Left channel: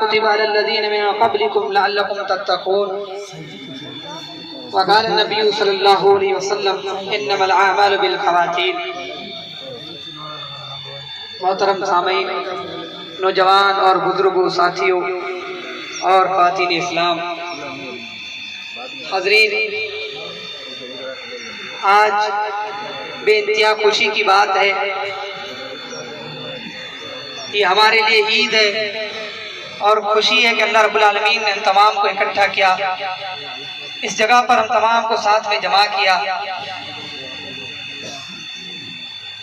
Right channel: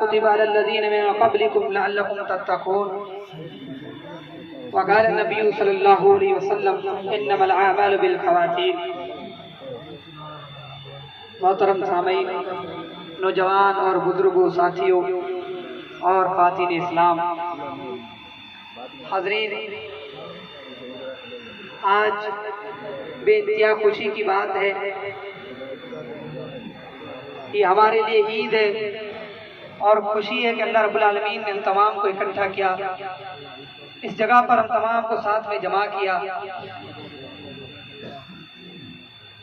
كتب على الذين من قبلكم لعلكم تتقون وقال النبي صلی اللہ علیہ وسلم انما الاعمال بالخواتیم۔ محترم سامعین، نوجوان اور بزرگوں، ساتھیوں اور خواتین اسلام، حاضرین، آج بے انتہا خوشی کی بات ہے، یہ ہمارے لیے عید ہے اور خوشی ہے کہ اللہ رب العالمین نے ہم تمام کو اکٹھا کیا، اس جگہ پر ہم تمام کو ساتھ میں جمع کیا۔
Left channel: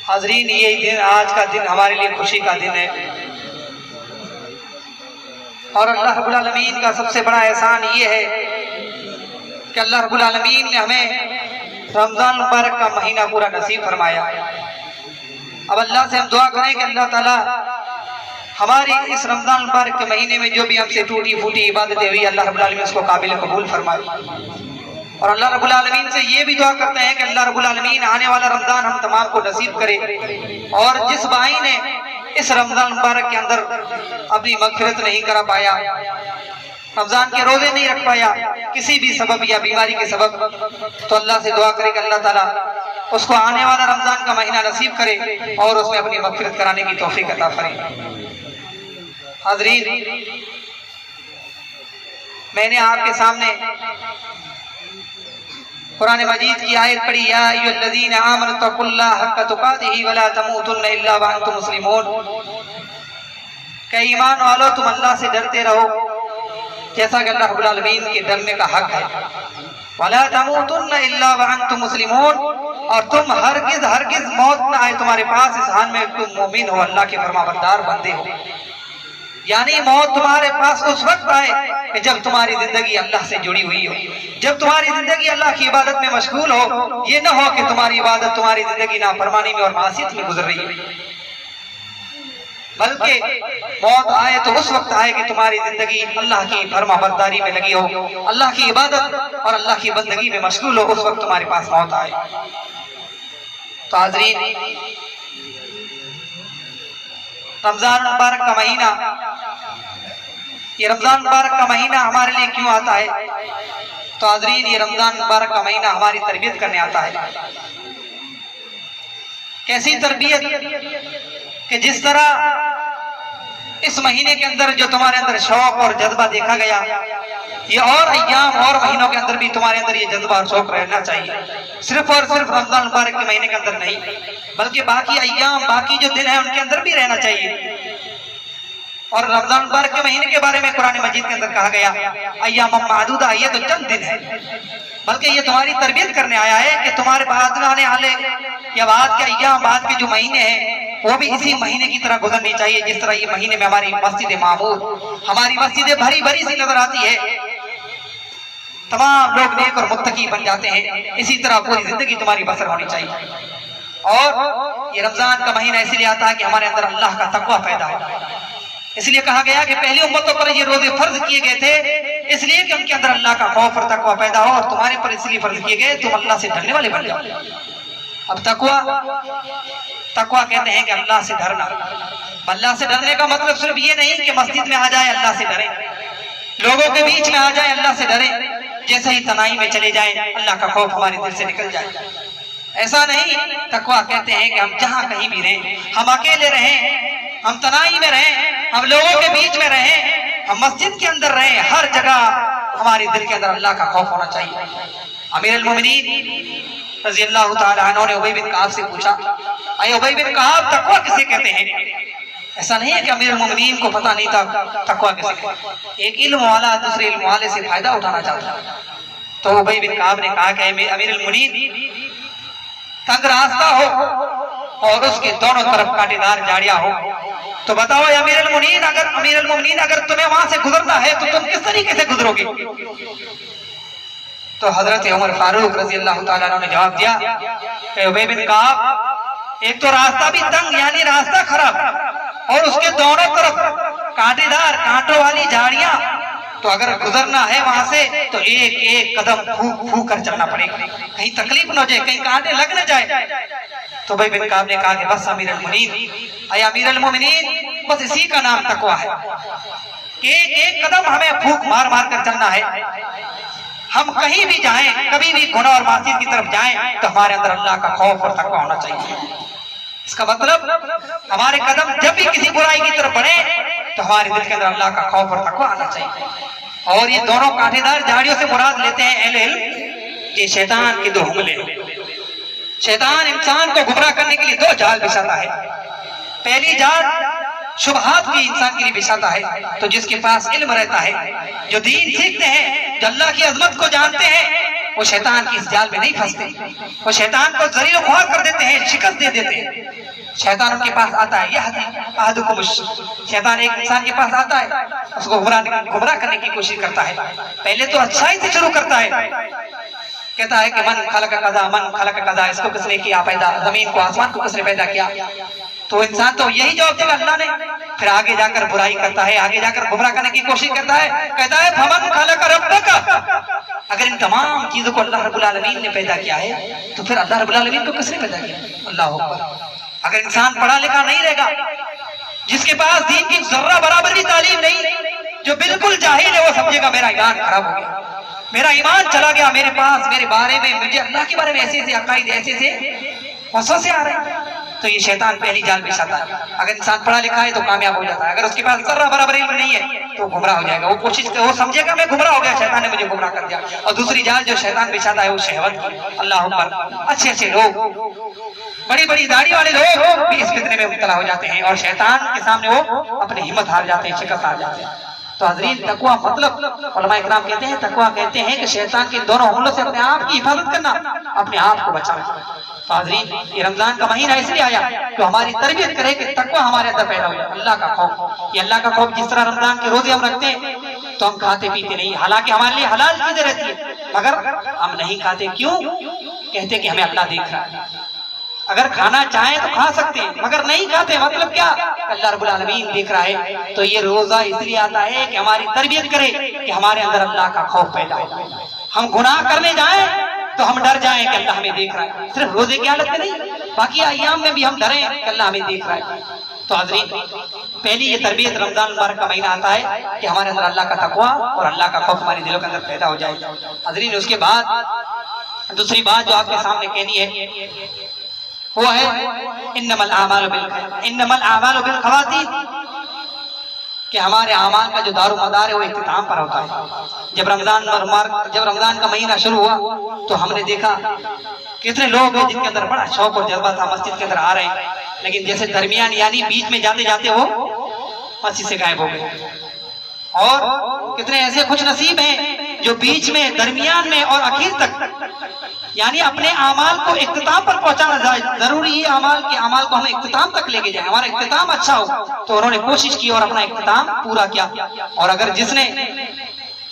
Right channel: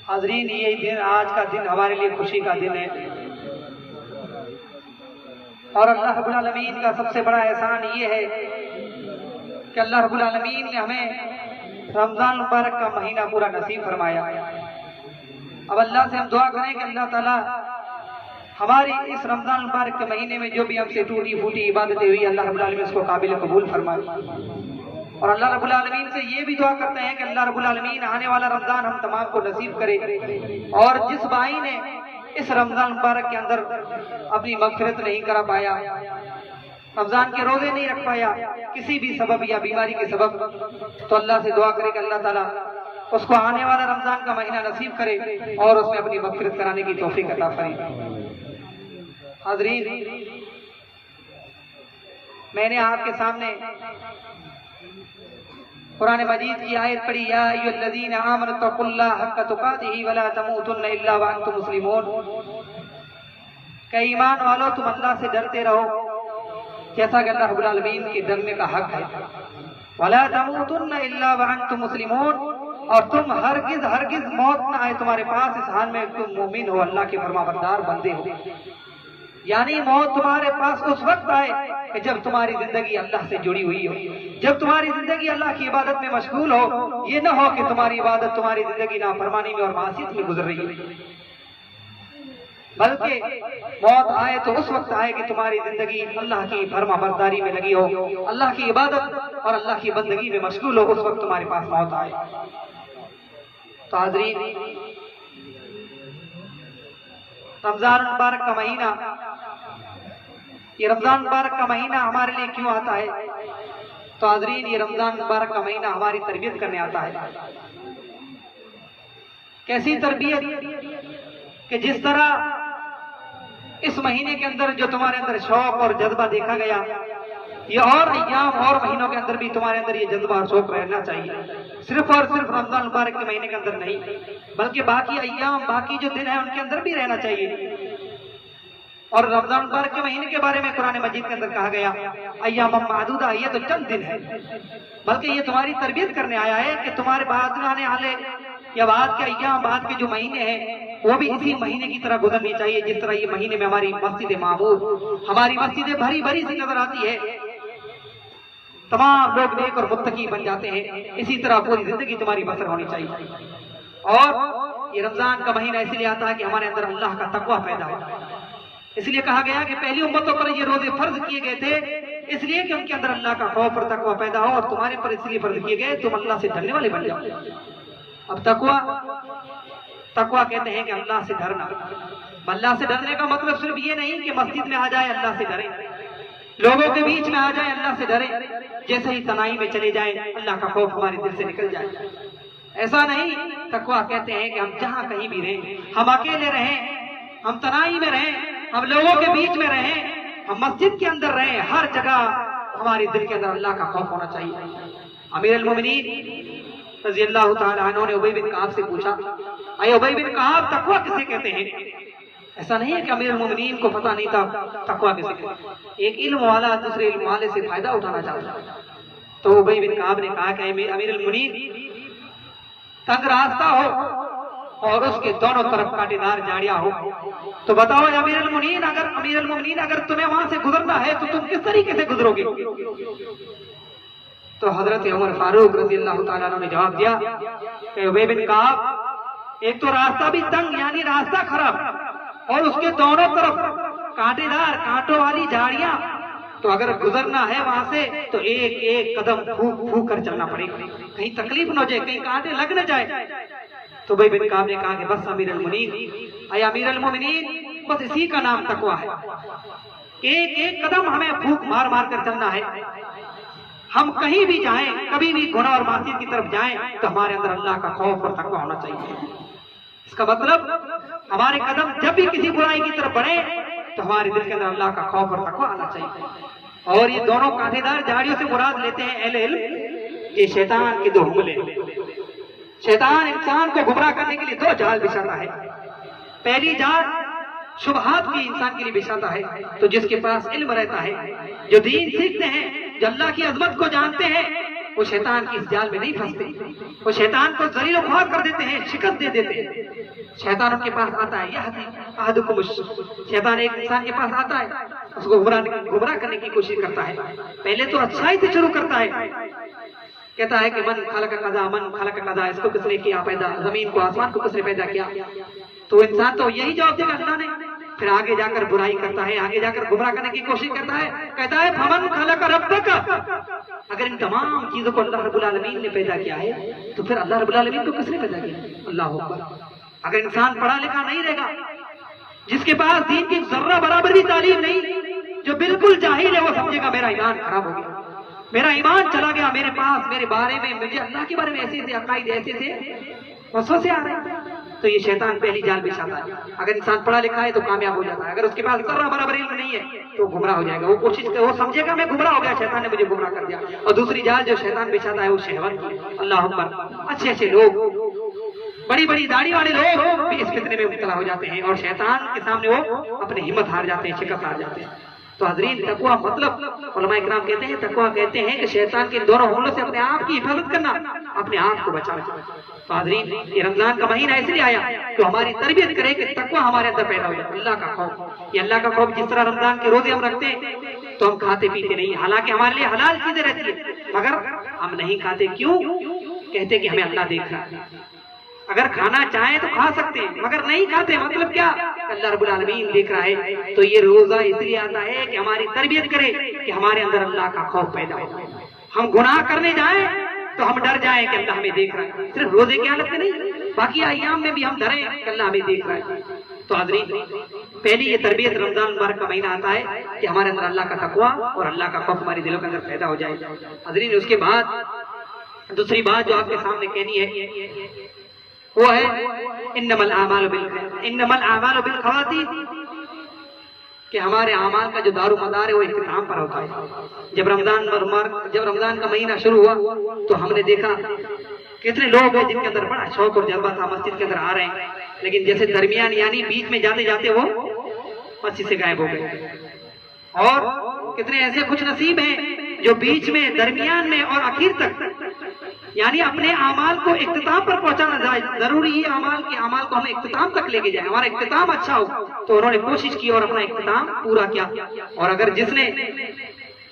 حاضرین، یہ دن، آج کا دن ہمارے لیے خوشی کا دن ہے، اور اللہ رب العالمین کا سب سے بڑا احسان یہ ہے کہ اللہ رب العالمین نے ہمیں رمضان مبارک کا مہینہ پورا نصیب فرمایا۔ اب اللہ سے ہم دعا کریں کہ اللہ تعالیٰ ہماری اس رمضان مبارک کے مہینے میں جو بھی ہم سے ٹوٹی پھوٹی عبادتیں ہوئی، اللہ رب العالمین اس کو قابل قبول فرمائے، اور اللہ رب العالمین سے یہ بھی دعا کرتے ہیں کہ اللہ رب العالمین آنے والا رمضان ہم تمام کو نصیب کرے، اور جس بھائی نے اس رمضان مبارک کے اندر اپنی مغفرت نہیں کرا پایا، رمضان کے روزے نہیں رکھ پایا کسی بھی سبب یا بیماری کے سبب، تو اللہ سے دعا کرے کہ اللہ تعالیٰ اس کو آنے والا رمضان کا مہینہ نصیب کرے اور اس میں اپنی مغفرت کرانے کی توفیق عطا فرمائے۔ حاضرین، میں نے آپ کے سامنے قرآن مجید کی آیت پڑھی، یا ایھا الذین آمنوا اتقوا اللہ حق تقاتہ ولا تموتن الا وانتم مسلمون، کہ ایمان والو تم اللہ سے ڈرتے رہو جیسا کہ اللہ رب العالمین کے ڈرنے کا حق ہے، ولا تموتن الا وانتم مسلمون، اور تم ہرگز موت نہ آئے تمہارے پاس اس حال میں تم مومن ہو، اللہ کے فرمانبردار بندے ہو۔ یعنی موت تمہارے پاس اس وقت آئے کہ جب تمہاری زندگی اللہ سے جڑی ہوئی ہو، جب تمہاری زندگی اللہ کی عبادت میں مشغول ہو، یہ نہ ہو کہ تمہاری عبادت، تمہاری زندگی نافرمانی میں اور معصیت میں گزر رہی ہے، بلکہ موت آئے تو اس وقت آئے کہ تمہاری زندگی اللہ کی فرما برداری میں لگی ہو، اللہ کی عبادت اور اللہ کی بندگی میں مشغول ہو، اس وقت تمہارے پاس موت آئے۔ تو حاضرین، رمضان مبارک کا مہینہ، یہ رمضان مبارک کا مہینہ ہمارے لیے کیوں آتا ہے؟ تو حاضرین، یہ رمضان مبارک کا مہینہ ہماری تربیت کرنے آتا ہے۔ کیسی تربیت؟ کہ جس طرح اس مہینے کے اندر جو تمہارے اندر شوق اور جذبہ دیکھا گیا، یہ اور ایام اور مہینوں کے اندر بھی تمہارے اندر یہ جذبہ اور شوق رہنا چاہیے، صرف اور صرف رمضان مبارک کے مہینے کے اندر نہیں، بلکہ باقی ایام، باقی جو دن ہیں ان کے اندر بھی رہنا چاہیے۔ اور رمضان مبارک کے مہینے کے بارے میں قرآن مجید کے اندر کہا گیا ایام معدودہ، یہ تو چند دن ہے، بلکہ یہ تمہاری تربیت کرنے آیا ہے کہ تمہارے بعد آنے والے یا بعد کے ایام، بعد کے جو مہینے ہیں وہ بھی اسی مہینے کی طرح گزرنی چاہیے جس طرح یہ مہینے میں ہماری مسجد معمور، ہماری مسجدیں بھری بھری سی نظر آتی ہے، تمام لوگ نیک اور متقی بن جاتے ہیں، اسی طرح پوری زندگی تمہاری بسر ہونی چاہیے۔ اور یہ رمضان کا مہینہ اس لیے آتا ہے کہ ہمارے اندر اللہ کا تقوی پیدا ہو، اس لیے کہا گیا کہ پہلی امتوں پر یہ روزے فرض کیے گئے تھے اس لیے کہ ان کے اندر اللہ کا خوف اور تقوی پیدا ہو، اور تمہارے پر اس لیے فرض کیے گئے تم اللہ سے ڈرنے والے بن جاؤ۔ اب تقوی کہتے ہیں کہ اللہ سے ڈرنا، اللہ سے ڈرنے کا مطلب صرف یہ نہیں کہ مسجد میں آ جائے اللہ سے ڈریں، لوگوں کے بیچ میں آ جائے اللہ سے ڈریں، جیسے ہی تنہائی میں چلے جائیں اللہ کا خوف ہمارے دل سے نکل جائے، ایسا نہیں۔ تقوی کہتے ہیں کہ ہم جہاں کہیں بھی رہیں، ہم اکیلے رہیں، ہم تنہائی میں رہیں، ہم لوگوں کے بیچ میں رہیں، ہم مسجد کے اندر رہیں، ہر جگہ ہمارے دل کے اندر اللہ کا خوف ہونا چاہیے۔ امیر المومنین رضی اللہ تعالیٰ عنہ نے ابی بن کعب سے پوچھا، اے ابی بن کعب، تقوی کسے کہتے ہیں؟ ایسا نہیں ہے کہ امیر المومنین کو پتہ نہیں تھا تقوی کسے کہتے ہیں، ایک علم والا دوسرے علم والے سے فائدہ اٹھانا چاہتا ہے۔ تو ابی بن کعب نے کہا کہ امیر المومنین، تنگ راستہ ہو اور اس کے دونوں طرف کانٹے دار جھاڑیاں ہو تو بتاؤ امیر المومنین اگر تمہیں وہاں سے گزرنا ہے تو تم کس طریقے سے گزرو گے؟ تو حضرت عمر فاروق رضی اللہ تعالیٰ عنہ نے جواب دیا کہ ابی بن کعب، ایک تو راستہ بھی تنگ یعنی راستہ خراب، اور اس کے دونوں طرف کانٹے دار، کانٹوں والی جھاڑیاں، تو اگر گزرنا ہے وہاں سے تو ایک ایک قدم پھونک پھونک کر چلنا پڑے گا، کہیں تکلیف نہ ہو جائے، کہیں کانٹے لگ نہ جائے۔ تو ابی بن کعب نے کہا کہ بس امیر المومنین، اے امیر المومنین، بس اسی کا نام تقوی ہے، کہ ایک ایک قدم ہمیں پھونک مار مار کر چلنا ہے. ہم کہیں بھی جائیں، کبھی بھی گناہ اور معصیت کی طرف جائیں تو ہمارے اندر اللہ کا خوف اور تقوی ہونا چاہیے. اس کا مطلب ہمارے قدم جب بھی کسی برائی کی طرف بڑھے تو ہمارے دل کے اندر اللہ کا خوف اور تقوی آنا چاہیے. اور یہ دونوں کانٹے دار جھاڑیوں سے مراد لیتے ہیں اہل علم یہ شیطان کے دو حملے. شیطان انسان کو گمراہ کرنے کے لیے دو جال بچھاتا ہے. پہلی جال شبہات کی انسان کے لیے بچھاتا ہے. تو جس کے پاس علم رہتا ہے، جو دین سیکھتے ہیں، جو اللہ کی عظمت کو جانتے ہیں، وہ شیطان کی اس جال میں نہیں پھنستے. وہ شیطان کو ذلیل و خوار کر دیتے ہیں، شکست دے دیتے ہیں. شیطان ان کے پاس آتا ہے، شیطان ایک انسان کے پاس آتا ہے، اس کو گمراہ کرنے کی کوشش کرتا ہے. پہلے تو اچھائی سے شروع کرتا ہے، کہتا ہے کہ من خلق قضا، من خلق قضا، اس کو کس نے کیا پیدا، زمین کو آسمان کو کس نے پیدا کیا. تو انسان تو یہی جواب دے گا اللہ نے. پھر آگے جا کر برائی کرتا ہے، آگے جا کر گمراہ کرنے کی کوشش کرتا ہے، کہتا ہے فمن خلق ربک. اگر ان تمام چیزوں کو اللہ رب العالمین نے پیدا کیا ہے تو پھر اللہ رب العالمین کو کس نے پیدا کیا؟ اللہ اکبر. اگر انسان پڑھا لکھا نہیں رہے گا، جس کے پاس دین کی ذرہ برابر بھی تعلیم نہیں، جو بالکل جاہل ہے، وہ سمجھے گا میرا ایمان خراب ہو گیا، میرا ایمان چلا گیا، میرے پاس میرے بارے میں، مجھے اللہ کے بارے میں ایسے ایسے عقائد ایسے سے وسوسے آ رہے ہیں. تو یہ شیطان پہلی جال بچھاتا ہے. اگر انسان پڑھا لکھا ہے تو کامیاب ہو جاتا ہے، اگر اس کے پاس ذرہ برابر علم نہیں ہے تو گمراہ ہو جائے گا. وہ سمجھے گا میں گمراہ ہو گیا، شیطان نے مجھے گمراہ کر دیا. اور دوسری جال جو شیطان بچھاتا ہے وہ شہوت کی. اللہ اکبر. اچھے اچھے لوگ، بڑی بڑی داڑھی والے لوگ بھی اس فتنے میں مبتلا ہو جاتے ہیں اور شیطان کے سامنے وہ اپنی ہمت ہار جاتے ہیں، شکست ہار جاتے ہیں. تو حضرین تقویٰ مطلب علماء اکرام کہتے ہیں، تقویٰ کہتے ہیں کہ شیطان کے دونوں حملوں سے اپنے آپ کی حفاظت کرنا، اپنے آپ کو بچانا. تو حضرین یہ رمضان کا مہینہ اس لیے آیا کہ ہماری تربیت کرے کہ تقویٰ ہمارے اندر پیدا ہو جائے، اللہ کا خوف. یہ اللہ کا خوف جس طرح رمضان کے روزے ہم رکھتے ہیں تو ہم کھاتے پیتے نہیں، حالانکہ ہمارے لیے حلال چیزیں رہتی ہیں، مگر ہم نہیں کھاتے. کیوں؟ کہتے کہ ہمیں اللہ دیکھ رہا ہے. اگر کھانا چاہیں تو کھا سکتے ہیں مگر نہیں کھاتے، مطلب کیا؟ اللہ رب العالمین دیکھ رہا ہے. تو یہ روزہ اس لیے آتا ہے کہ ہماری تربیت کرے کہ ہمارے اندر اللہ کا خوف پیدا ہو. ہم گناہ کرنے جائیں تو ہم ڈر جائیں کہ اللہ ہمیں دیکھ رہا ہے. صرف روزے کی حالت میں نہیں، باقی ایام میں بھی ہم ڈریں کہ اللہ ہمیں دیکھ رہا ہے. تو حضرین پہلی یہ تربیت رمضان مبارک کا مہینہ آتا ہے کہ ہمارے اندر اللہ کا تقویٰ اور اللہ کا خوف ہمارے دلوں کے اندر پیدا ہو جائے. حضرین اس کے بعد دوسری بات جو آپ کے سامنے کہنی ہے وہ ہے انما الاعمال بالخواتیم، کہ ہمارے اعمال کا جو دار و مدار ہے وہ اختتام پر ہوتا ہے. جب رمضان کا مہینہ شروع ہوا تو ہم نے دیکھا کتنے لوگ ہیں جن کے اندر بڑا شوق اور جذبہ تھا، مسجد کے اندر آ رہے ہیں، لیکن جیسے درمیان یعنی بیچ میں جاتے جاتے وہ مسجد سے غائب ہو گئے. اور کتنے ایسے خوش نصیب ہیں جو بیچ میں، درمیان میں اور آخر تک، یعنی اپنے اعمال کو اختتام پر پہنچانا جائے. ضروری ہے اعمال کو ہم اختتام تک لے کے جائیں، ہمارا اختتام اچھا ہو. تو انہوں نے کوشش کی اور اپنا اختتام پورا کیا. اور اگر جس نے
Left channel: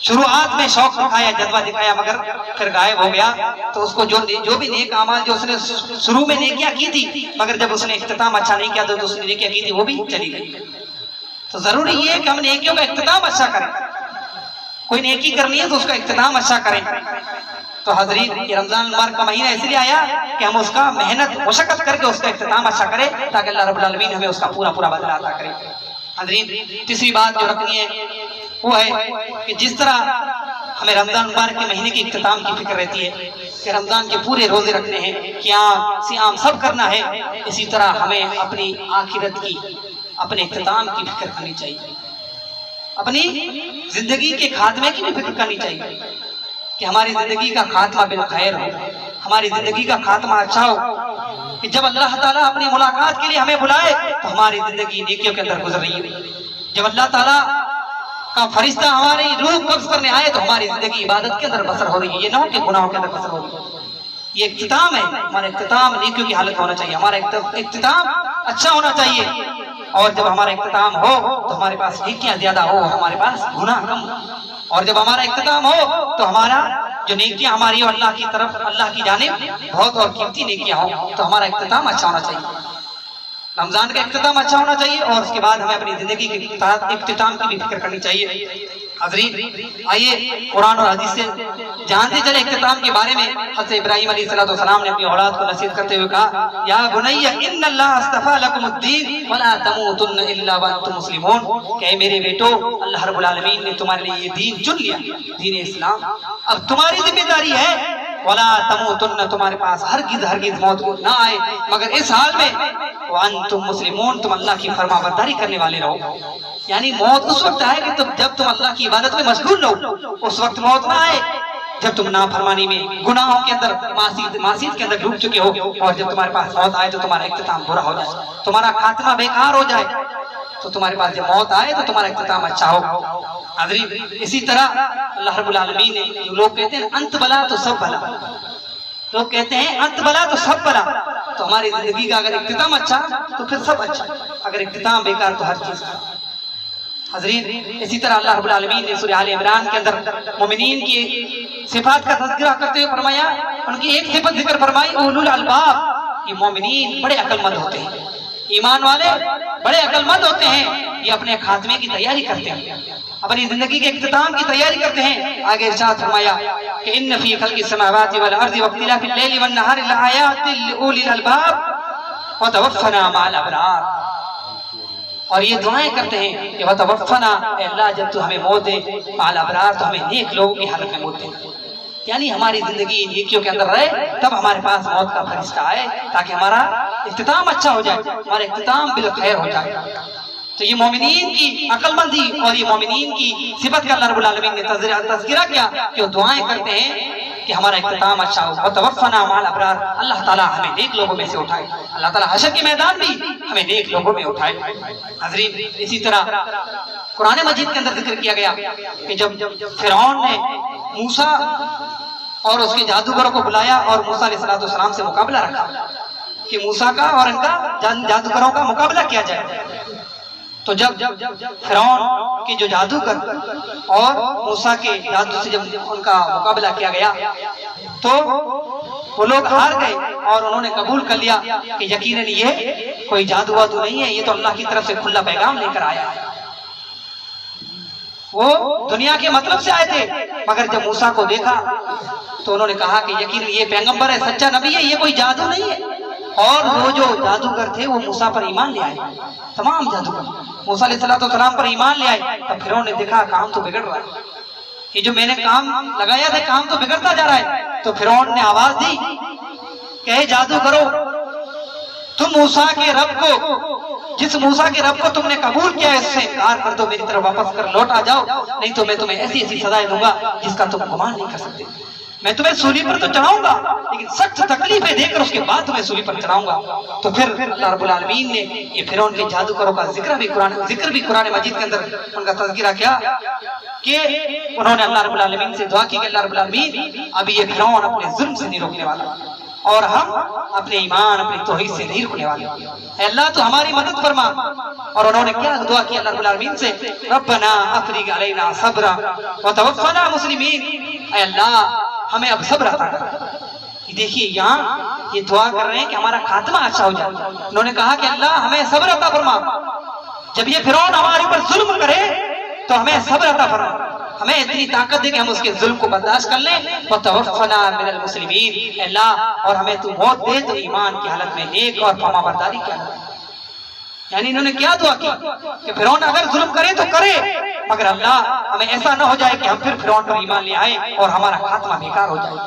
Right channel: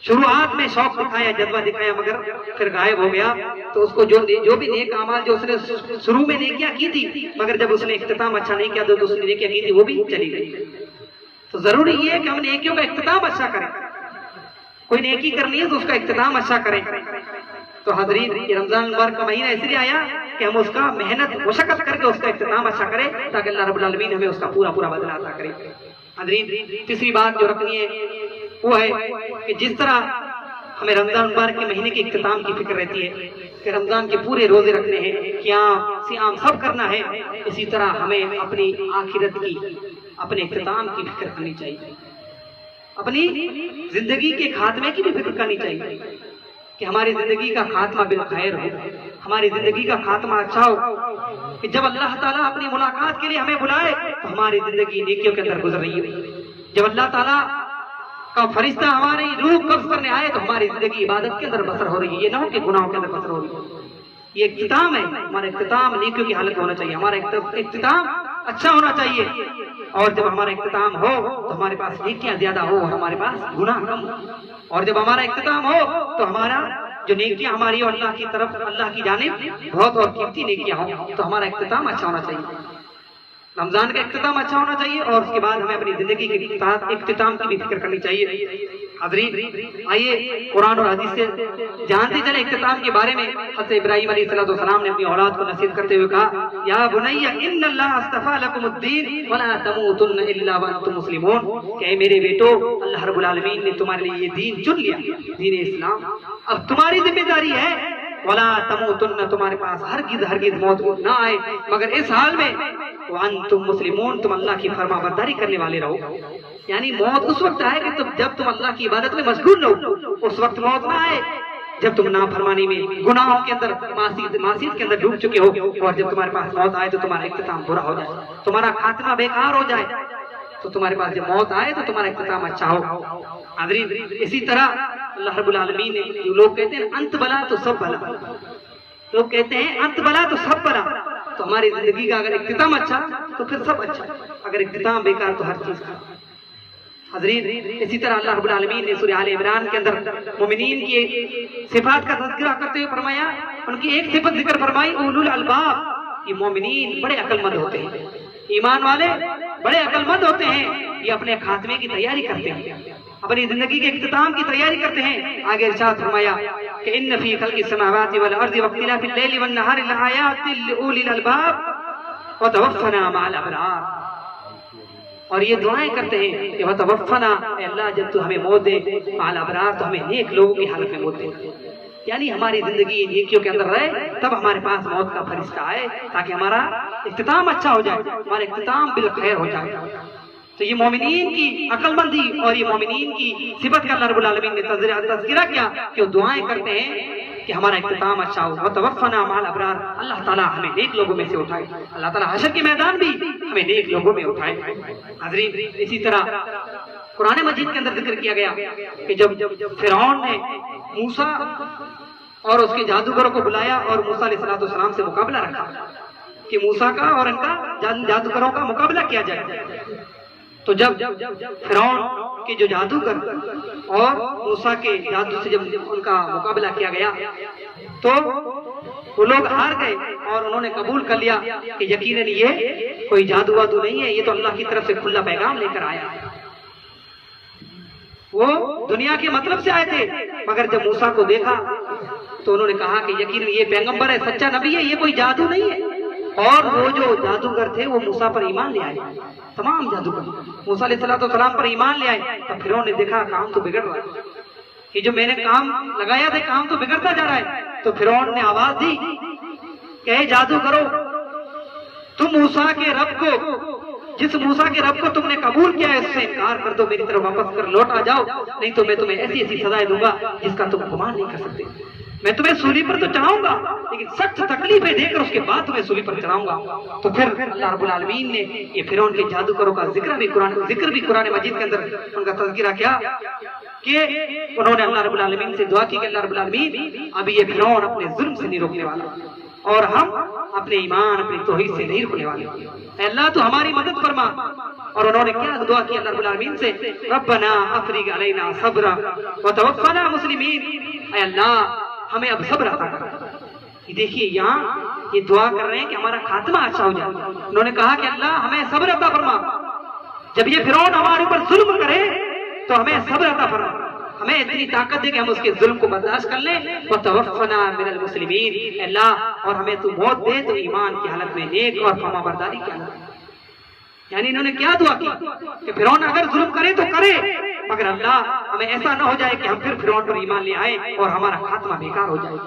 شروعات میں شوق دکھایا، جذبہ دکھایا، مگر پھر غائب ہو گیا، تو اس کو جو بھی نیک اعمال جو اس نے شروع میں نیکیاں کی تھی مگر جب اس نے اختتام اچھا نہیں کیا تو اس نے نیکیاں کی تھی وہ بھی چلی گئی. تو ضروری یہ ہے کہ ہم نیکیوں کا اختتام اچھا کریں. کوئی نیکی کرنی ہے تو اس کا اختتام اچھا کریں. تو حضرین یہ رمضان مبارک کا مہینہ اس لیے آیا کہ ہم اس کا محنت مشقت کر کے اس کا اختتام اچھا کریں تاکہ اللہ رب العالمین ہمیں اس کا پورا بدلہ عطا کرے. حضرین تیسری بات جو رکھنی ہے وہ ہے کہ جس طرح ہمیں رمضان مبارک کے مہینے کی اختتام کی فکر رہتی ہے کہ رمضان کے پورے روزے رکھنے ہیں، قیام سیام سب کرنا ہے، اسی طرح ہمیں اپنی آخرت کی، اپنے اختتام کی فکر کرنی چاہیے، اپنی زندگی کے خاتمے کی بھی فکر کرنی چاہیے کہ ہماری زندگی کا خاتمہ بالخیر ہو، ہماری زندگی کا خاتمہ اچھا ہو، کہ جب اللہ تعالیٰ اپنی ملاقات کے لیے ہمیں بلائے تو ہماری زندگی نیکیوں کے اندر گزر رہی ہے. جب اللہ تعالیٰ کا فرشتہ ہماری روح قبض کرنے آئے تو ہماری زندگی عبادت کے اندر بسر ہو رہی ہے، یہ نہ ہو کہ گناہوں کے اندر بسر ہو رہی ہے. یہ اختتام ہے، ہمارا اختتام نیکیوں کی حالت ہونا چاہیے، ہمارا اختتام اچھا ہونا چاہیے. اور جب ہمارا اختتام ہو تو ہمارے پاس نیکیاں زیادہ ہو، ہمارے پاس گناہ کم ہو. اور جب ہمارا اختتام ہو تو ہمارا جو نیکیاں ہماری اللہ کی طرف، اللہ کی جانب بہت اور قیمتی نیکیاں ہوں تو ہمارا اختتام اچھا ہونا چاہیے. رمضان کا اختتام اچھا ہونا چاہیے اور اس کے بعد ہمیں اپنی زندگی کے اختتام کی بھی فکر کرنی چاہیے. حضرین آئیے قرآن اور حدیث سے جانتے چلے اختتام کے بارے میں۔ حضرت ابراہیم علیہ السلام نے اپنی اولاد کو نصیحت کرتے ہوئے کہا یا بنی ان اللہ اصطفیٰ لکم الدین ولا تموتن الا وانتم مسلمون، کہ اے میرے بیٹو اللہ رب العالمین نے تمہارے لیے یہ دین چن لیا، دین اسلام، اب تمہاری ذمہ داری ہے ولا تموتن، تمہارے پاس ہرگز موت نہ آئے مگر اس حال میں وانتم مسلمون، تم اللہ کی فرما برداری کرنے والے رہو۔ یعنی موت اس وقت آئے کہ جب تم اللہ کی عبادت میں مشغول رہو، اس وقت موت نہ آئے جب تم نافرمانی میں گناہوں کے اندر معصیت کے اندر ڈوب چکے ہو، اور جب تمہارے پاس موت آئے تو تمہارا اختتام برا ہو جائے، تمہارا خاتمہ بیکار ہو جائے، تو تمہارے پاس جب موت آئے تو تمہارا اختتام اچھا ہو۔ حضرین اسی طرح اللہ رب العالمین نے، جو لوگ کہتے ہیں انت بلا تو سب بلا، لوگ کہتے ہیں انت بلا تو سب بلا، تو ہماری زندگی کا اگر اختتام اچھا تو پھر سب اچھا، اگر اختتام بیکار تو ہر چیز کا۔ حضرین اسی طرح اللہ رب العالمین نے سورہ آل عمران کے اندر مومنین کی صفات کا تذکرہ کرتے ہوئے فرمایا، ان کی ایک صفت ذکر فرمائی اولو الالباب، یہ مومنین بڑے عقل مند ہوتے ہیں، ایمان والے بڑے عقل مند ہوتے ہیں، یہ اپنے خاتمے کی تیاری کرتے ہیں، اپنی زندگی کے اختتام کی تیاری کرتے ہیں۔ آگے ارشاد فرمایا کہ ان فی خلق السماوات والارض واختلاف اللیل والنہار لآیات لأولی الالباب وتوفنا مع الابرار، اور یہ دعائیں کرتے ہیں کہ وتوفنا، اے اللہ جب تو ہمیں موت دے مع الابرار، تو ہمیں نیک لوگوں کی حالت میں موت دے، یعنی ہماری زندگی نیکیوں کے اندر رہے تب ہمارے پاس موت کا فرشتہ آئے تاکہ ہمارا اختتام اچھا ہو جائے، ہمارا اختتام بالخیر ہو جائے۔ تو یہ مومنین کی عقل مندی اور یہ مومنین کی صفت کا اللہ رب العالمین نے تذکرہ کیا کہ وہ دعائیں کرتے ہیں کہ ہمارا اختتام اچھا ہو۔ وتوفنا مع الابرار، اللہ تعالیٰ ہمیں نیک لوگوں میں سے اٹھائے، اللہ تعالیٰ حشر کے میدان بھی ہمیں نیک لوگوں میں اٹھائے۔ حضرین اسی طرح قرآن مجید کے اندر ذکر کیا گیا کہ جب فرعون نے موسیٰ اور اس کے جادوگروں کو بلایا اور موسیٰ علیہ السلام سے مقابلہ رکھا کہ موسیٰ کا اور ان کا جادوگروں کا مقابلہ کیا جائے، تو جب فرعون کے جو جادوگر اور موسیٰ کے جادو سے جب ان کا مقابلہ کیا گیا تو وہ لوگ ہار گئے اور انہوں نے قبول کر لیا کہ یقیناً یہ کوئی جادو وادو نہیں ہے، یہ تو اللہ کی طرف سے کھلا پیغام لے کر آیا ہے۔ وہ دنیا کے مطلب سے آئے تھے مگر جب موسیٰ کو دیکھا تو انہوں نے کہا کہ یقیناً یہ پیغمبر ہے، سچا نبی ہے، یہ کوئی جادو نہیں ہے۔ اور وہ جو جادوگر تھے وہ موسیٰ پر ایمان لے آئے، تمام جادوگر موسیٰ علیہ السلام پر ایمان لے آئے۔ تب فرعون نے دیکھا کام تو بگڑ رہا ہے، یہ جو میں نے کام لگایا تھا کام تو بگڑتا جا رہا ہے۔ تو فرعون نے آواز دی کہ اے جادوگرو، تم موسیٰ کے رب کو، جس موسیٰ کے رب کو تم نے قبول کیا ہے اس سے انکار کر دو، میری طرف واپس کر لوٹ آ جاؤ، نہیں تو میں تمہیں ایسی ایسی سزائیں دوں گا جس کا تم گمان نہیں کر سکتے۔ میں تمہیں سولی پر تو چڑھاؤں گا لیکن سخت تکلیفیں دے کر اس کے بعد تمہیں سولی پر چڑھاؤں گا۔ تو پھر اللہ رب العالمین نے یہ فرعون کے جادوگروں کا ذکر بھی قرآن مجید کے اندر ان کا تذکرہ کیا کہ انہوں نے اللہ رب العالمین سے دعا کی کہ اللہ رب العالمین اب یہ فرعون اپنے ظلم سے نہیں روکنے والا اور ہم اپنے ایمان اپنی توحید سے نہیں رکنے والے، اے اللہ تو ہماری مدد فرما۔ اور انہوں نے کیا دعا کی اللہ رب العالمین سے، ربنا افرغ علینا صبرا وتوفنا مسلمین، اے اللہ ہمیں اب صبر عطا کر۔ یہ دیکھیے یہاں یہ دعا کر رہے ہیں کہ ہمارا خاتمہ اچھا ہو جائے۔ انہوں نے کہا کہ اللہ ہمیں صبر عطا فرما، جب یہ فرعون ہمارے اوپر ظلم کرے تو ہمیں صبر عطا فرما، ہمیں اتنی طاقت دے کہ ہم اس کے ظلم کو برداشت کر لیں۔ وتوفنا من المسلمین، اے اللہ اور ہمیں تو موت دے تو ایمان کی حالت میں، نیک اور فرما برداری کی حالت میں۔ یعنی انہوں نے کیا دعا کی کہ فرعون اگر ظلم کرے تو کرے مگر اللہ ہمیں ایسا نہ ہو جائے کہ ہم پھر فرعون پر ایمان لے آئیں اور ہمارا خاتمہ بیکار ہو جائے،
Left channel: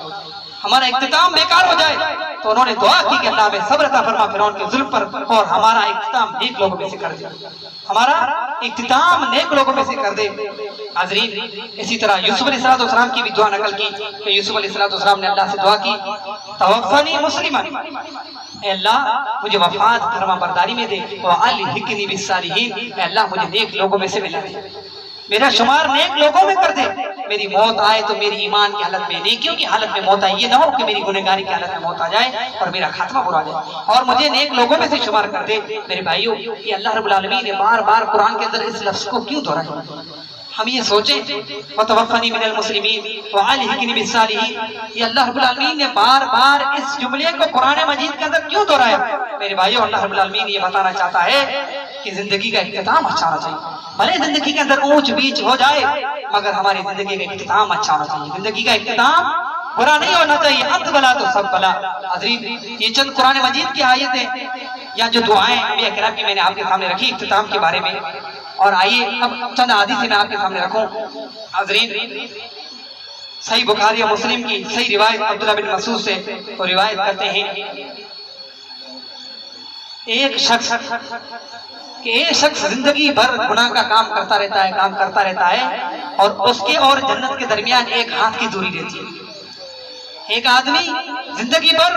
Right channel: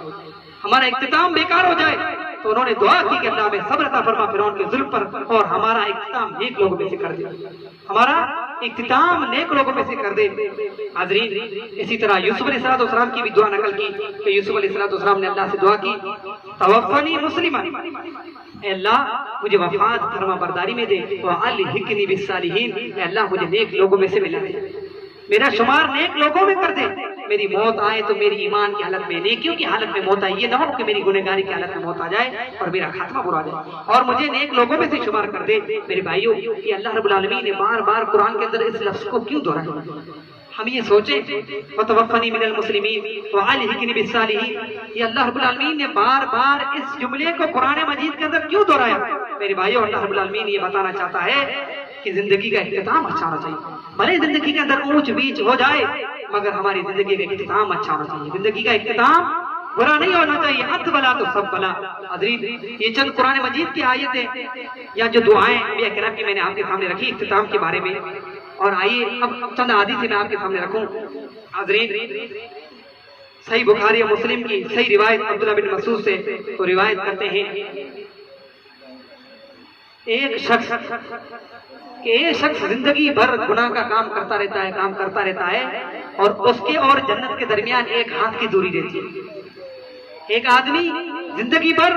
ہمارا اختتام بیکار ہو جائے۔ تو انہوں نے دعا کی کہ اللہ ہمیں صبر عطا فرما فرعون کے ظلم پر اور ہمارا اختتام نیک لوگوں میں سے کر دے، ہمارا اختتام نیک لوگوں میں سے کر دے۔ حضرین اسی طرح یوسف علیہ السلام کی بھی دعا نقل کی کہ یوسف علیہ السلام نے اللہ سے دعا کی توفنی مسلما، اے اللہ مجھے وفات فرما برداری میں دے، وَأَلْحِقْنِي بِالصَّالِحِينَ، اے اللہ مجھے نیک لوگوں میں سے ملا دے، میرا شمار نیک لوگوں میں کر دے، میری موت آئے تو میری ایمان کی حالت میں، نیکیوں کی حالت میں موت آئے، یہ نہ ہو کہ میری گنہگاری کی حالت میں موت آ جائے اور میرا خاتمہ برا جائے، اور مجھے نیک لوگوں میں سے شمار کر دے۔ میرے بھائیوں یہ اللہ رب العالمین نے بار بار قرآن کے اندر اس لفظ کو کیوں دہرایا؟ ہم یہ سوچیں وَتَوَفَّنِي مِنَ الْمُسْلِمِينَ وَأَلْحِقْنِي بِالصَّالِحِينَ، یہ اللہ رب العالمین نے بار بار اس جملے کو قرآن مجید کے اندر کیوں دہرایا؟ میرے بھائیوں اللہ رب العالمین یہ بتانا چاہتا ہے کہ زندگی کا اختتام اچھا ہونا چاہیے، بھلے زندگی کے اندر اونچ بیچ ہو جائے مگر ہماری زندگی کا اختتام اچھا ہونا چاہیے، زندگی کا اختتام برا نہیں ہونا چاہیے، انت بلا تو سب بلا۔ حضرین یہ چند قرآن مجید کی آیتیں یا جو دعائیں انبیاء کرام کی میں نے آپ کے سامنے رکھی اختتام کے بارے میں، اور آئیے اب چند حدیث میں آپ کے سامنے رکھوں۔ حضرین صحیح بخاری اور مسلم کی صحیح روایت عبداللہ بن مسعود سے وہ روایت کرتے ہیں ایک شخص زندگی بھر گناہ کا کام کرتا رہتا ہے اور اس کے اور جنت کے درمیان ایک ہاتھ کی دوری رہتی ہے۔ ایک آدمی زندگی بھر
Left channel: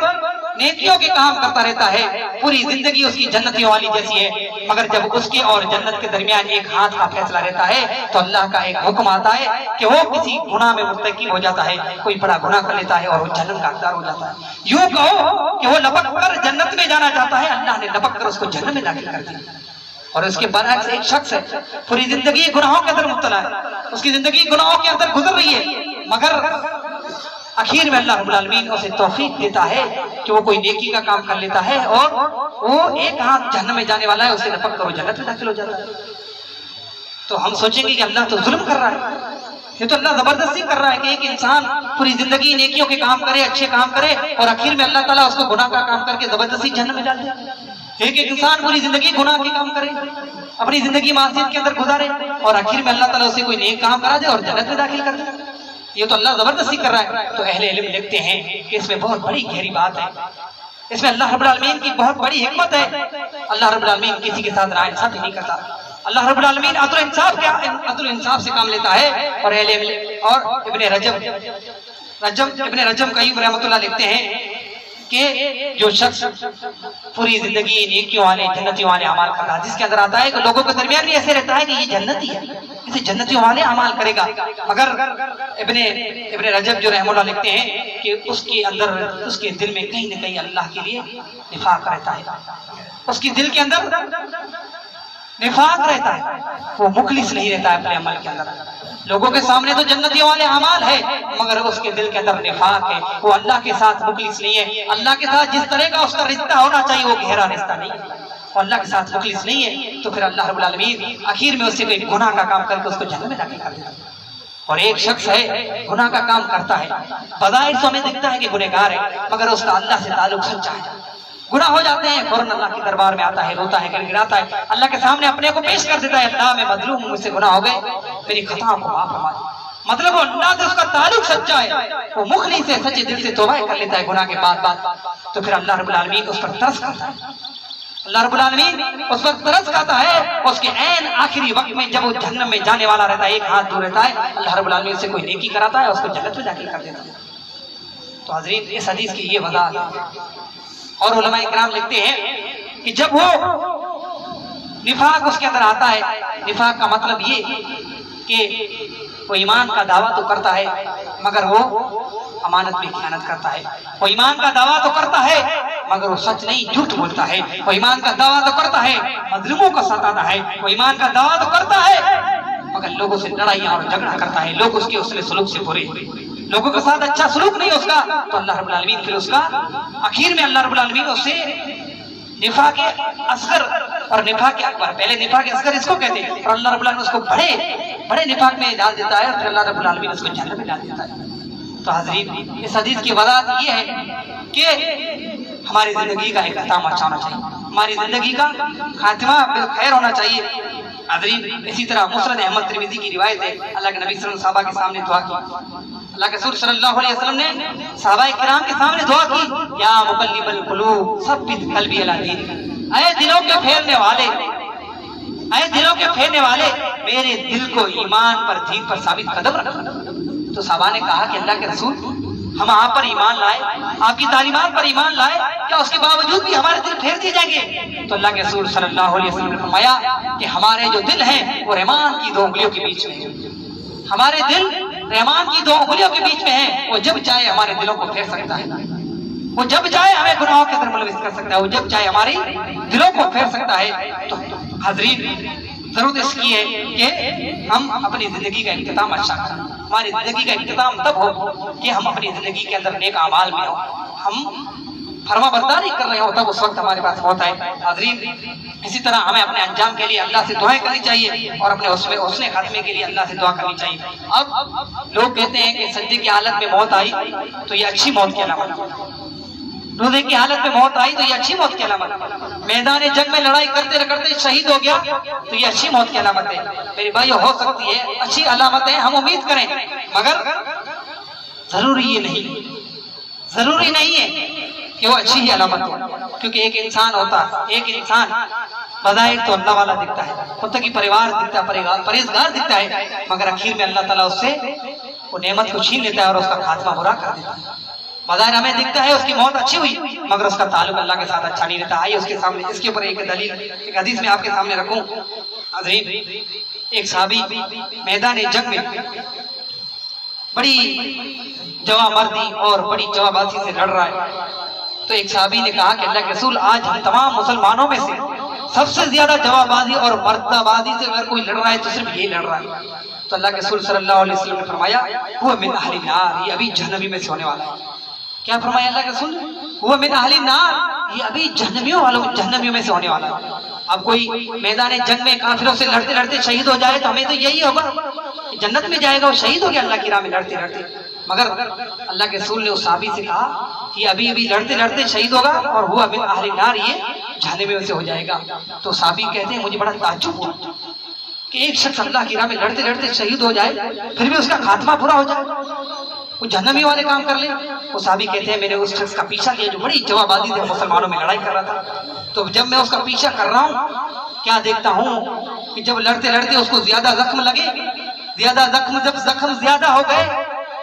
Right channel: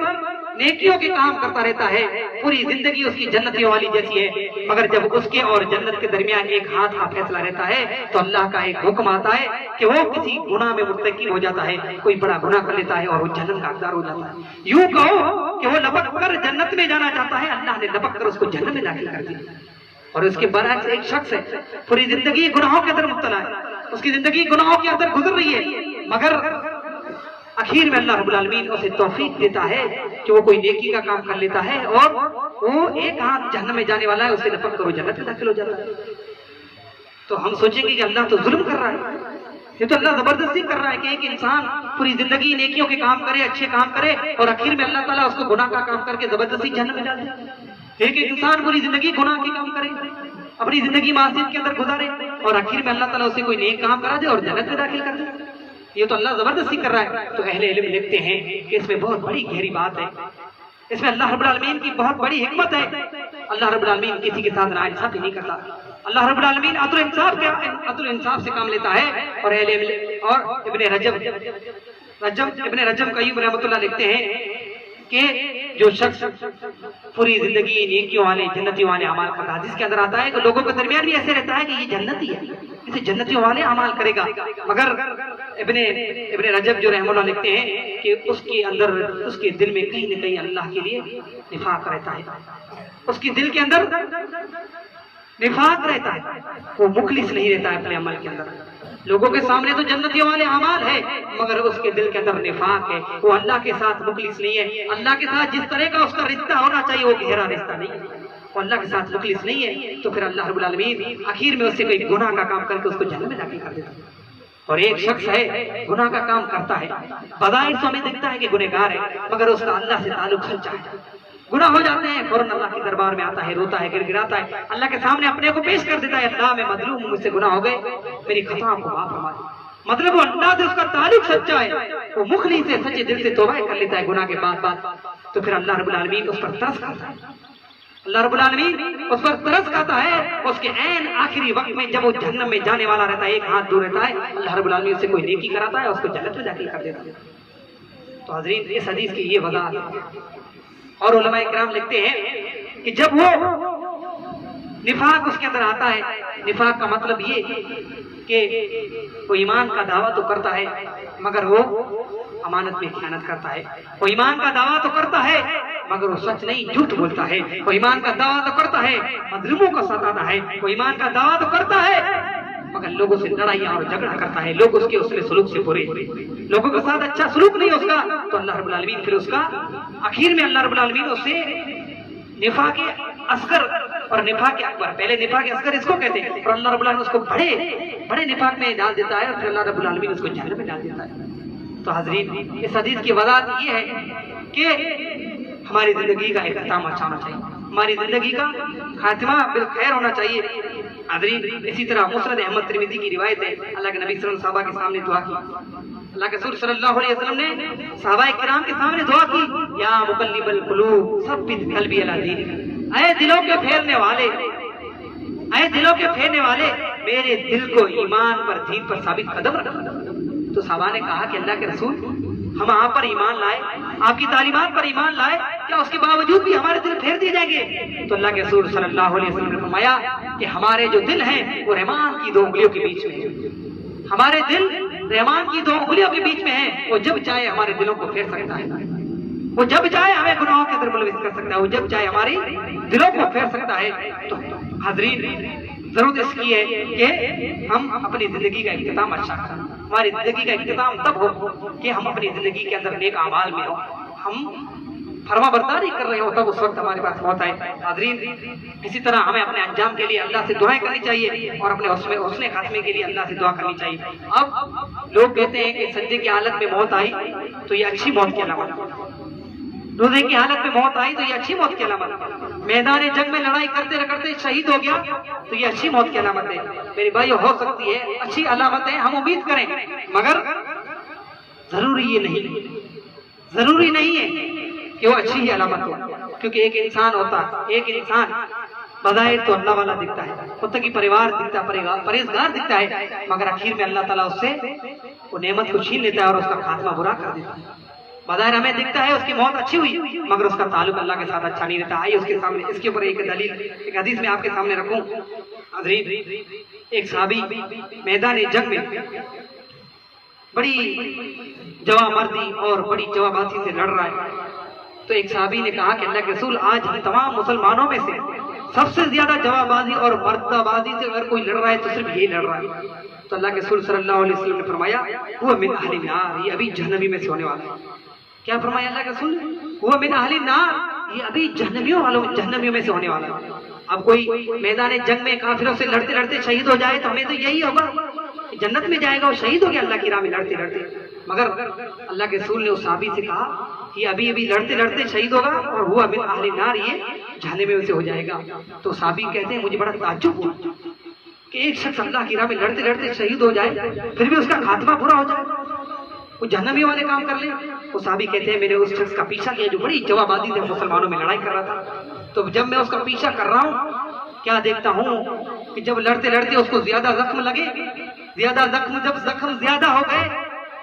نیکیوں کے کام کرتا رہتا ہے، پوری زندگی اس کی جنتیوں والی جیسی ہے، مگر جب اس کے اور جنت کے درمیان ایک ہاتھ کا فیصلہ رہتا ہے تو اللہ کا ایک حکم آتا ہے کہ وہ کسی گناہ میں مرتکب ہو جاتا ہے، کوئی بڑا گناہ کر لیتا ہے اور وہ جنت کا حقدار ہو جاتا ہے۔ یوں کہو کہ وہ لپک کر جنت میں جانا چاہتا ہے، اللہ نے لپک کر اس کو جنت میں داخل کر دیا۔ اور اس کے برعکس ایک شخص ہے، پوری زندگی گناہوں کے اندر مبتلا ہے، اس کی زندگی گناہوں کے اندر گزر رہی ہے، مگر آخر میں اللہ رب العالمین اسے توفیق دیتا ہے کہ وہ کوئی نیکی کا کام کر لیتا ہے اور وہ ایک ہاتھ جہنم میں جانے والا ہے، اسے لپک کر وہ جنت میں داخل ہو جاتا ہے۔ تو ہم سوچیں گے کہ اللہ تو ظلم کر رہا ہے، یہ تو اللہ زبردستی کر رہا ہے کہ ایک انسان پوری زندگی نیکیوں کے کام کرے، اچھے کام کرے، اور آخر میں اللہ تعالیٰ اس کو گناہ کا کام کر کے زبردستی جہنم میں ڈال دے۔ ایک انسان پوری زندگی گناہ کے کام کرے، اپنی زندگی معصیت کے اندر گزارے، اور آخر میں اللہ تعالیٰ اسے کوئی نیک کام کرا دے اور جنت میں داخل کر دے۔ یہ تو اللہ زبردستی کر رہا ہے۔ تو اہل علم لکھتے ہیں کہ اس میں بہت بڑی گہری بات ہے، اس میں اللہ رب العالمین کی بہت بڑی حکمت ہے۔ اللہ رب العالمین کسی کے ساتھ ناانصافی نہیں کرتا، اللہ رب العالمین عدل و انصاف سے کام لیتا ہے۔ اور اہل علم اور ابن رجب قیوم رحمۃ اللہ لکھتے ہیں کہ جو شخص پوری زندگی نیکیوں والے جنتیوں والے اعمال کرتا ہے، جس کے اندر آتا ہے کہ لوگوں کے درمیان بھی ایسے رہتا ہے کہ یہ جنتی ہے، اسے جنتیوں والے اعمال کرے گا، مگر ابن رجب جو رحمہ اللہ لکھتے ہیں کہ اس کے اندر اس کے دل میں کہیں نہ کہیں اللہ کے لیے نفاق رہتا ہے، اس کے دل کے اندر نفاق رہتا ہے، وہ مخلص نہیں رہتا ہے اپنے عمل کے اندر۔ لوگوں کے سامنے تو جنتیوں والے اعمال ہے، مگر اس کے دل کے اندر نفاق ہے، وہ اللہ کے ساتھ مخلص نہیں ہے، اللہ کے ساتھ جس طرح کا اس کا رشتہ ہونا چاہیے وہ گہرا رشتہ نہیں ہے، وہ اللہ کے ساتھ مخلص نہیں ہے، تو پھر اللہ رب العالمین آخر میں اس سے کوئی گناہ کا کام کر کے اس کو جہنم میں داخل کر دیتا ہے۔ اور ایک شخص ہے گناہ کا کام کرتا ہے، بظاہر تو ہمیں دکھتا ہے کہ گنہگار ہے، مگر اس کا اللہ سے تعلق سچا ہے، گناہ ہو جاتے ہیں فوراً اللہ کے دربار میں آتا ہے، روتا ہے، گر گراتا ہے، اللہ کے سامنے اپنے کو پیش کر دیتا ہے، اللہ میں مظلوم ہوں، مجھ سے گناہ ہو گئے، میری خطاؤں کو معاف فرما دے۔ مطلب وہ اللہ سے اس کا تعلق سچا ہے، وہ مخلص سے سچے دل سے توبہ کر لیتا ہے گناہ کے بعد، تو پھر اللہ رب العالمین اس پر ترس کرتا ہے، اللہ رب العالمین اس پر ترس کرتا ہے، اس کے عین آخری وقت میں جب وہ جہنم میں جانے والا رہتا ہے، ایک ہاتھ دور رہتا ہے، اللہ رب العالمین سے کوئی نیکی کراتا ہے، اس کو جنت میں داخل کر دیتا ہے۔ تو حضرین اس حدیث کی یہ وضاحت ہے۔ اور علماء اکرام لکھتے ہیں کہ جب وہ نفاق اس کے اندر آتا ہے، نفاق کا مطلب یہ کہ وہ ایمان کا دعویٰ تو کرتا ہے مگر وہ امانت میں خیانت کرتا ہے، وہ ایمان کا دعویٰ تو کرتا ہے مگر وہ سچ نہیں جھوٹ بولتا ہے، وہ ایمان کا دعویٰ تو کرتا ہے مظلوموں کا ستاتا ہے، وہ ایمان کا دعویٰ تو کرتا ہے مگر لوگوں سے لڑائیاں اور جھگڑا کرتا ہے، لوگ اس کے حسن سلوک سے برے، لوگوں کے ساتھ اچھا سلوک نہیں اس کا، تو اللہ رب العالمین پھر اس کا آخر میں اللہ رب العالمین اس سے نفاق اصغر اور نفاق اکبر، پہلے نفاق اصغر اس کو کہتے ہیں، اور اللہ رب العالمین اس کو بڑے نفاق میں ڈال دیتا ہے، اور پھر اللہ رب العالمین اس کو جہنم میں ڈال دیتا ہے۔ تو حضرین اس حدیث کی وضاحت یہ ہے کہ ہماری زندگی کا اختتام اچھا ہونا چاہیے، ہماری زندگی کا خاتمہ بالخیر ہونا چاہیے۔ حضرین اسی طرح مسند احمد ترمذی کی روایت ہے، اللہ کے نبی صلی اللہ علیہ وسلم صحابہ کے سامنے دعا کی، اللہ کے رسول صلی اللہ علیہ وسلم نے صحابہ کرام کے سامنے دعا کی، یا مقلب القلوب ثبت قلبی علی دینک، اے دلوں کے پھیرنے والے، اے دلوں کے پھیرنے والے، میرے دل کو ایمان پر دین پر ثابت قدم رکھو۔ تو صحابہ نے کہا کہ اللہ کے رسول ہم آپ پر ایمان لائے، آپ کی تعلیمات پر ایمان لائے، کیا اس کے باوجود بھی ہمارے دل پھیر دیے جائیں گے؟ تو اللہ کے رسول صلی اللہ علیہ وسلم نے فرمایا کہ ہمارے جو دل ہیں وہ رحمان کی دو انگلیوں کے بیچ میں ہیں، ہمارے دل رحمان کی دو انگلیوں کے بیچ میں ہیں، وہ جب چاہے ہمارے دلوں کو پھیر سکتا ہے، وہ جب چاہے ہمیں گناہوں کے اندر ملوث کر سکتا ہے، وہ جب چاہے ہماری دلوں کو پھیر سکتا ہے۔ تو حضرین ضرورت اس کی ہے کہ ہم اپنی زندگی کا اختتام اچھا کریں، ہماری زندگی کا اختتام تب ہو کہ ہم اپنی زندگی کے اندر نیک اعمال میں ہوں، ہم فرما برداری کر رہے ہوں تب اس وقت ہمارے پاس موت آئے۔ حاضرین، اسی طرح ہمیں اپنے انجام کے لیے اللہ سے دعائیں کرنی چاہیے اور اپنے حسن خاتمے کے لیے اللہ سے دعا کرنی چاہیے۔ اب لوگ کہتے ہیں کہ سجدے کی حالت میں موت آئی تو یہ اچھی موت کی علامت ہے، روزے کی حالت میں موت آئی تو یہ اچھی موت کی علامت ہے، میدان جنگ میں لڑائی کرتے کرتے شہید ہو گیا تو یہ اچھی موت کی علامت ہے۔ میری بھائیو، ہو سکتی ہے اچھی علامت ہے، ہم امید کریں، مگر ضروری نہیں ہے کہ وہ اچھی ہی علامت ہو، کیونکہ ایک انسان ہوتا ہے، ایک انسان بظاہر تو اللہ والا دکھتا ہے، متقی پریوار دکھتا ہے، پرہیزگار دکھتا ہے، مگر آخر میں اللہ تعالیٰ اس سے وہ نعمت کو چھین لیتا ہے اور اس کا خاتمہ برا کر دیتا ہے۔ بظاہر ہمیں دکھتا ہے اس کی موت اچھی ہوئی، مگر اس کا تعلق اللہ کے ساتھ اچھا نہیں رہتا۔ آئیے اس کے سامنے اس کے اوپر ایک دلیل، ایک حدیث میں آپ کے سامنے رکھوں۔ حضرین، ایک صحابی میدان جنگ میں بڑی جوان مردی اور بڑی جوان بازی سے لڑ رہا ہے، تو ایک صحابی نے کہا کہ اللہ کے رسول، آج ہم تمام مسلمانوں میں سے سب سے زیادہ جوان بازی اور مردہ بازی سے اگر کوئی لڑ رہا ہے تو صرف یہی لڑ رہا ہے۔ تو اللہ کے رسول صلی اللہ علیہ وسلم نے فرمایا، وہ من اہل النار، یہ ابھی جہنمی میں سے ہونے والا ہے۔ کیا فرمایا اللہ کے رسول؟ وہ من اہل النار، یہ ابھی جہنمیوں میں سے ہونے والا ہے۔ اب کوئی میدان جنگ میں کافروں سے لڑتے لڑتے شہید ہو جائے تو ہمیں تو یہی ہوگا، جنت میں جائے گا، وہ شہید ہو گیا اللہ کی راہ میں لڑتے لڑتے، مگر اللہ کے رسول نے اس صحابی سے کہا کہ ابھی لڑتے لڑتے شہید ہوگا اور ہوا من اہل النار، یہ جہنم میں سے ہو جائے گا۔ تو صحابی کہتے ہیں مجھے بڑا تعجب ہوا کہ ایک شخص اللہ کی راہ میں لڑتے لڑتے شہید ہو جائے پھر بھی اس کا خاتمہ برا ہو جائے، وہ جہنمی والے کام کر لے۔ وہ صحابی کہتے ہیں میں نے اس شخص کا پیچھا کیا جو بڑی جوان بازی سے مسلمانوں میں لڑائی کر رہا تھا، تو جب میں اس کا پیچھا کر رہا ہوں کیا دیکھتا ہوں کہ جب لڑتے لڑتے اس کو زیادہ زخم لگے، جب زخم زیادہ ہو گئے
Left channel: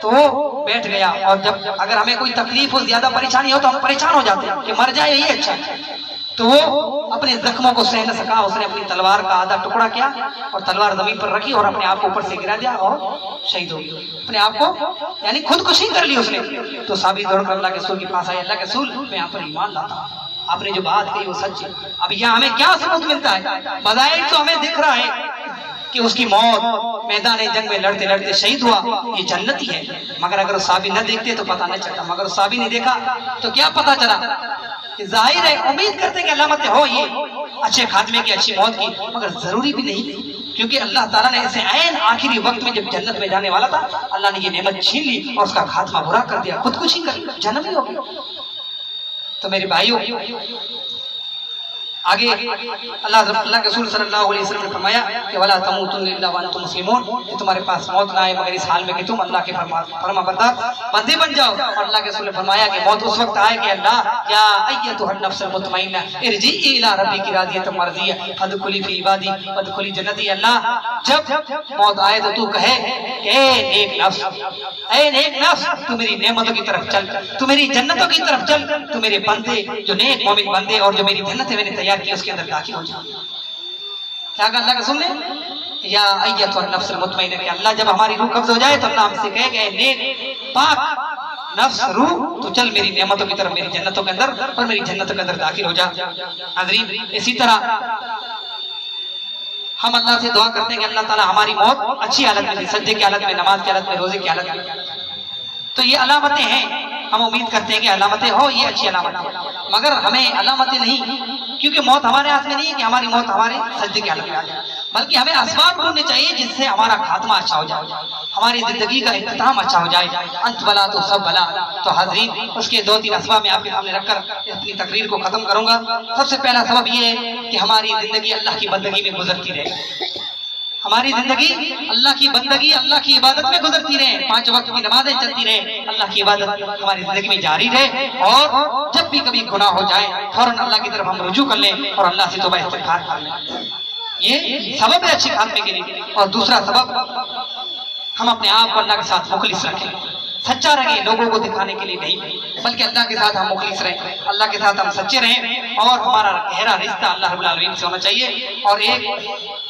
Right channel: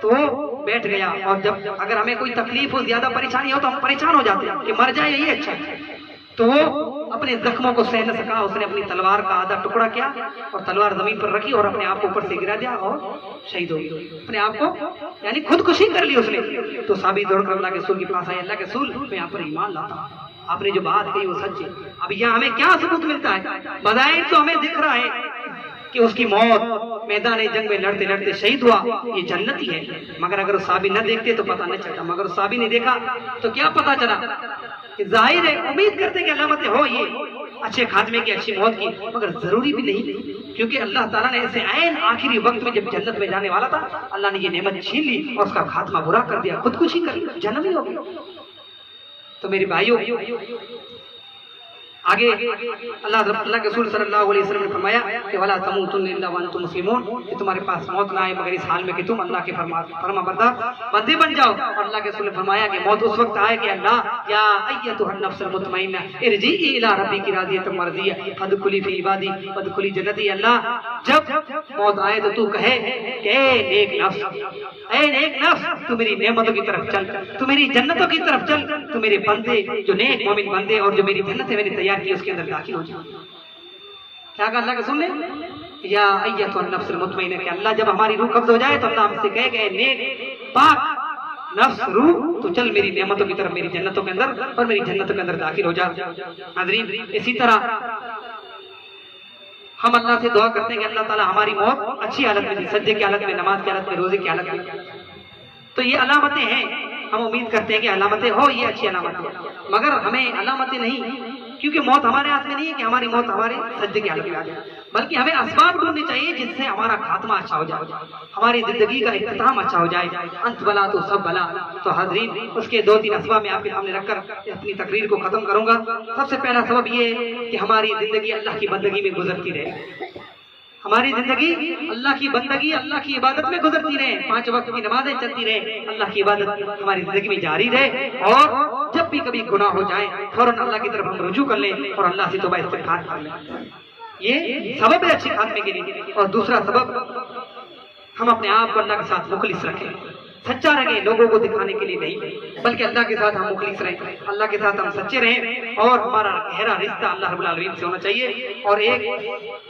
تو وہ بیٹھ گیا، اور جب اگر ہمیں کوئی تکلیف ہو، زیادہ پریشانی ہو تو ہم پریشان ہو جاتے ہیں کہ مر جائے یہی اچھا ہے، تو وہ اپنے زخموں کو سہ نہ سکا، اس نے اپنی تلوار کا آدھا ٹکڑا کیا اور تلوار زمین پر رکھی اور اپنے آپ کو اوپر سے گرا دیا اور شہید ہو گیا، اپنے آپ کو یعنی خودکشی کر لی اس نے۔ تو صحابی دوڑ کر اللہ کے رسول کے پاس آئے، اللہ کے رسول میں آپ پر ایمان لاتا ہوں، آپ نے جو بات کہی وہ سچ ہے۔ اب یہاں ہمیں کیا ثبوت ملتا ہے؟ بظاہر تو ہمیں دکھ رہا ہے کہ اس کی موت میدان جنگ میں لڑتے لڑتے شہید ہوا، یہ جنتی ہے، مگر اگر صحابی نہ دیکھتے تو پتہ نہ چلتا، مگر صحابی نے دیکھا تو کیا پتہ چلا کہ ظاہر ہے امید کرتے کہ علامتیں ہو یہ اچھے خاتمے کی، اچھی موت کی، مگر ضروری بھی نہیں، کیونکہ اللہ تعالیٰ نے اسے عین آخری وقت میں جب جنت میں جانے والا تھا اللہ نے یہ نعمت چھین لی اور اس کا خاتمہ برا کر دیا، خودکشی کر لی، جہنمی ہو گیا۔ تو میرے بھائیوں، آگے اللہ کے رسول صلی اللہ علیہ وسلم نے فرمایا کہ وَلَا تَمُوتُنَّ إِلَّا وَأَنْتُمْ مُسْلِمُونَ، کہ تمہارے پاس موت نہ آئے مگر اس حال میں کہ تم اللہ کے فرما بردار بندے بن جاؤ۔ اور اللہ کے رسول نے فرمایا کہ موت اس وقت آئے کہ اللہ یا ایتھا النفس المطمئنہ ارجعی الی ربک راضیۃ مرضیہ فادخلی فی عبادی وادخلی جنتی، اللہ جب موت آئے تو کہے کہ اے نیک نفس تو میری نعمتوں کی طرف چل، تو میری جنتوں کی طرف چل، تو میرے بندے جو نیک مومن بندے اور جو میری جنت ہے میں نے تیار کی اس کے اندر داخل ہو جائے۔ کیا کہا اللہ کے رسول نے؟ یا ایتھا النفس المطمئنہ، کہ اللہ جب ہماری روح قبض ہو جائے تو اللہ ہم سے کہے کہ نیک پاک نفس روح تو چل میری نعمتوں کی طرف، میری جنتوں کے اندر اور میری جنتوں کے اندر داخل ہو جا۔ حاضرین، اسی طرح ہم اللہ سے دعا کرتے ہیں کہ اللہ تعالیٰ ہماری موت اچھی حالت میں، سجدے کی حالت میں، نماز کی حالت میں، روزے کی حالت میں۔ تو یہ علامتیں ہیں، ہم امید کرتے ہیں کہ علامتیں ہو، یہ اچھی علامتیں، مگر ہمیں علامتیں نہیں، کیونکہ موت ہمارے ہاتھ میں نہیں ہے کہ ہماری موت ہمارے سجدے کی حالت میں آ جائے، بلکہ ہمیں اسباب ڈھونڈنے چاہیے جس سے ہمارا خاتمہ اچھا ہو جائے، ہماری زندگی کا اختتام اچھا ہو جائے، انت بلا تو سب بلا۔ تو حاضرین، اس کے 2-3 اسباب میں آپ کے سامنے رکھ کر اپنی تقریر کو ختم کروں گا۔ سب سے پہلا سبب یہ ہے کہ ہماری زندگی اللہ کی بندگی میں گزرتی رہے، ہماری زندگی اللہ کی بندگی، اللہ کی عبادت میں گزرتی رہے، 5 وقت کی نمازیں چلتی رہے، اللہ کی عبادت ہماری زندگی میں جاری رہے، اور جب بھی کبھی گناہ ہو جائے فوراً اللہ کی طرف ہم رجوع کر لیں اور اللہ سے توبہ استغفار کر لیں، یہ سبب ہے اچھی خاتمے کے لیے۔ اور دوسرا سبب، ہم اپنے آپ کو اللہ کے ساتھ مخلص رکھیں، سچا رہیں، لوگوں کو دکھانے کے لیے نہیں، بلکہ اللہ کے ساتھ ہم مخلص رہیں، اللہ کے ساتھ ہم سچے رہیں، اور ہمارا گہرا رشتہ اللہ رب العالمین سے ہونا چاہیے۔ اور ایک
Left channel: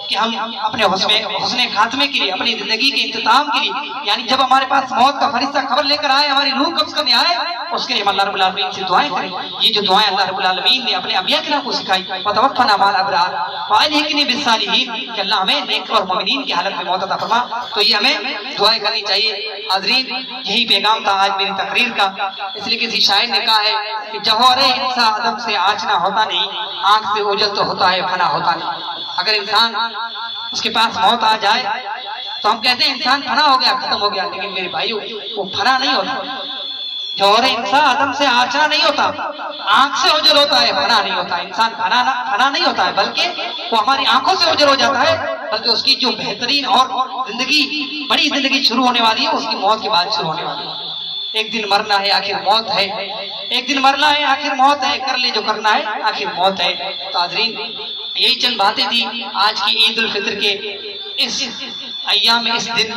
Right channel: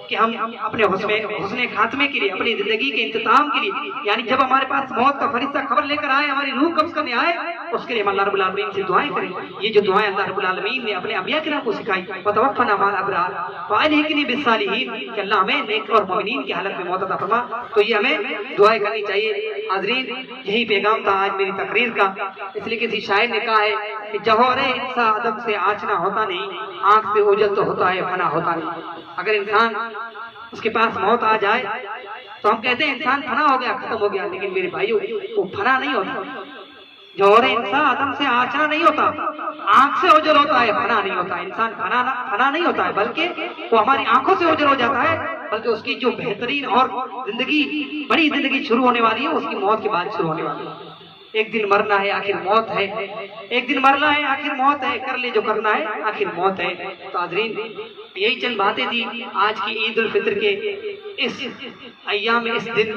کہ ہم اپنے حسن خاتمے کے لیے، اپنی زندگی کے انتظام کے لیے، یعنی جب ہمارے پاس موت کا فرشتہ خبر لے کر آئے، ہماری روح قبض کرنے آئے، اس کے لیے ہم اللہ رب العالمین سے دعائیں کریں۔ یہ جو دعائیں اللہ رب العالمین نے اپنے انبیاء کرام کو سکھائی، وتوفنا مع الابرار والحقنی بالصالحین، کہ اللہ ہمیں نیک اور مومنین کی حالت میں موت عطا فرما، تو یہ ہمیں دعائیں کرنی چاہیے۔ حاضرین، یہی پیغام تھا آج میری تقریر کا، اس لیے کسی شاعر نے کہا ہے کہ جوہر انسان عدم سے آچنا ہوتا نہیں، آنکھ سے اوجل تو ہوتا ہے، فنا ہوتا نہیں۔ اگر انسان اس کے پاس موت آ جائے تو ہم کہتے ہیں انسان فنا ہو گیا، ختم ہو گیا، لیکن میرے بھائیو وہ فنا نہیں ہوتا۔ جوہر انسان عدم سے آچنا نہیں ہوتا، آنکھ سے اوجل ہوتا ہے، فنا نہیں ہوتا۔ انسان فنا نہیں ہوتا ہے، بلکہ وہ ہماری آنکھوں سے اوجل ہو جاتا ہے، بلکہ اس کی جو بہترین اور زندگی، بڑی زندگی شروع ہونے والی ہے، اس کی موت کے بعد شروع ہونے والی ہے۔ ایک دن مرنا ہے، آخر موت ہے، ایک دن مرنا ہے، آخر موت ہے، کر لے جو کرنا ہے، آخر موت ہے۔ تو حاضرین، یہی چند باتیں تھی آج کی عید الفطر کے اس ایام، اس دن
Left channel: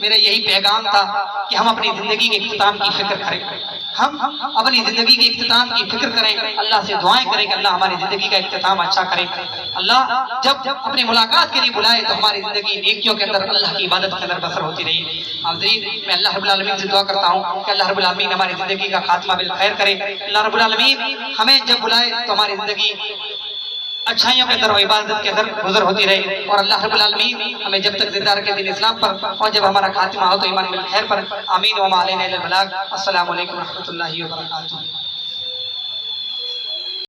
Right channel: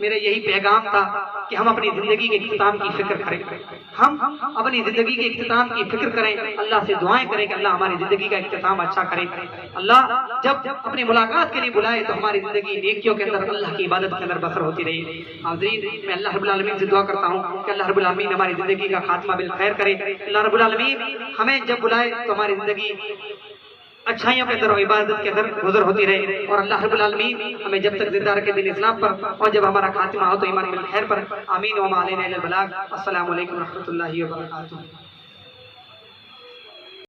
میرا یہی پیغام تھا کہ ہم اپنی زندگی کے اختتام کی فکر کریں، ہم اپنی زندگی کے اختتام کی فکر کریں، اللہ سے دعائیں کریں کہ اللہ ہماری زندگی کا اختتام اچھا کرے۔ اللہ جب اپنی ملاقات کے لیے بلائے تو ہماری زندگی نیکیوں کے اندر، اللہ کی عبادت کے اندر بسر ہوتی رہی۔ حاضرین، میں اللہ رب العالمین سے دعا کرتا ہوں کہ اللہ رب العالمین ہماری زندگی کا خاتمہ بالخیر کرے۔ اللہ رب العالمین ہمیں جب بلائے تو ہماری زندگی اچھائیوں کے اندر اور عبادت کے اندر گزر ہوتی رہے، اور اللہ رب العالمین ہمیں جب تک زندہ رکھے دین اسلام پر، اور جب ہمارا خاتمہ ہو تو ایمان بالخیر پر۔ آمین و ما علینا الا البلاغ۔ السلام علیکم و رحمۃ اللہ وبرکاتہ۔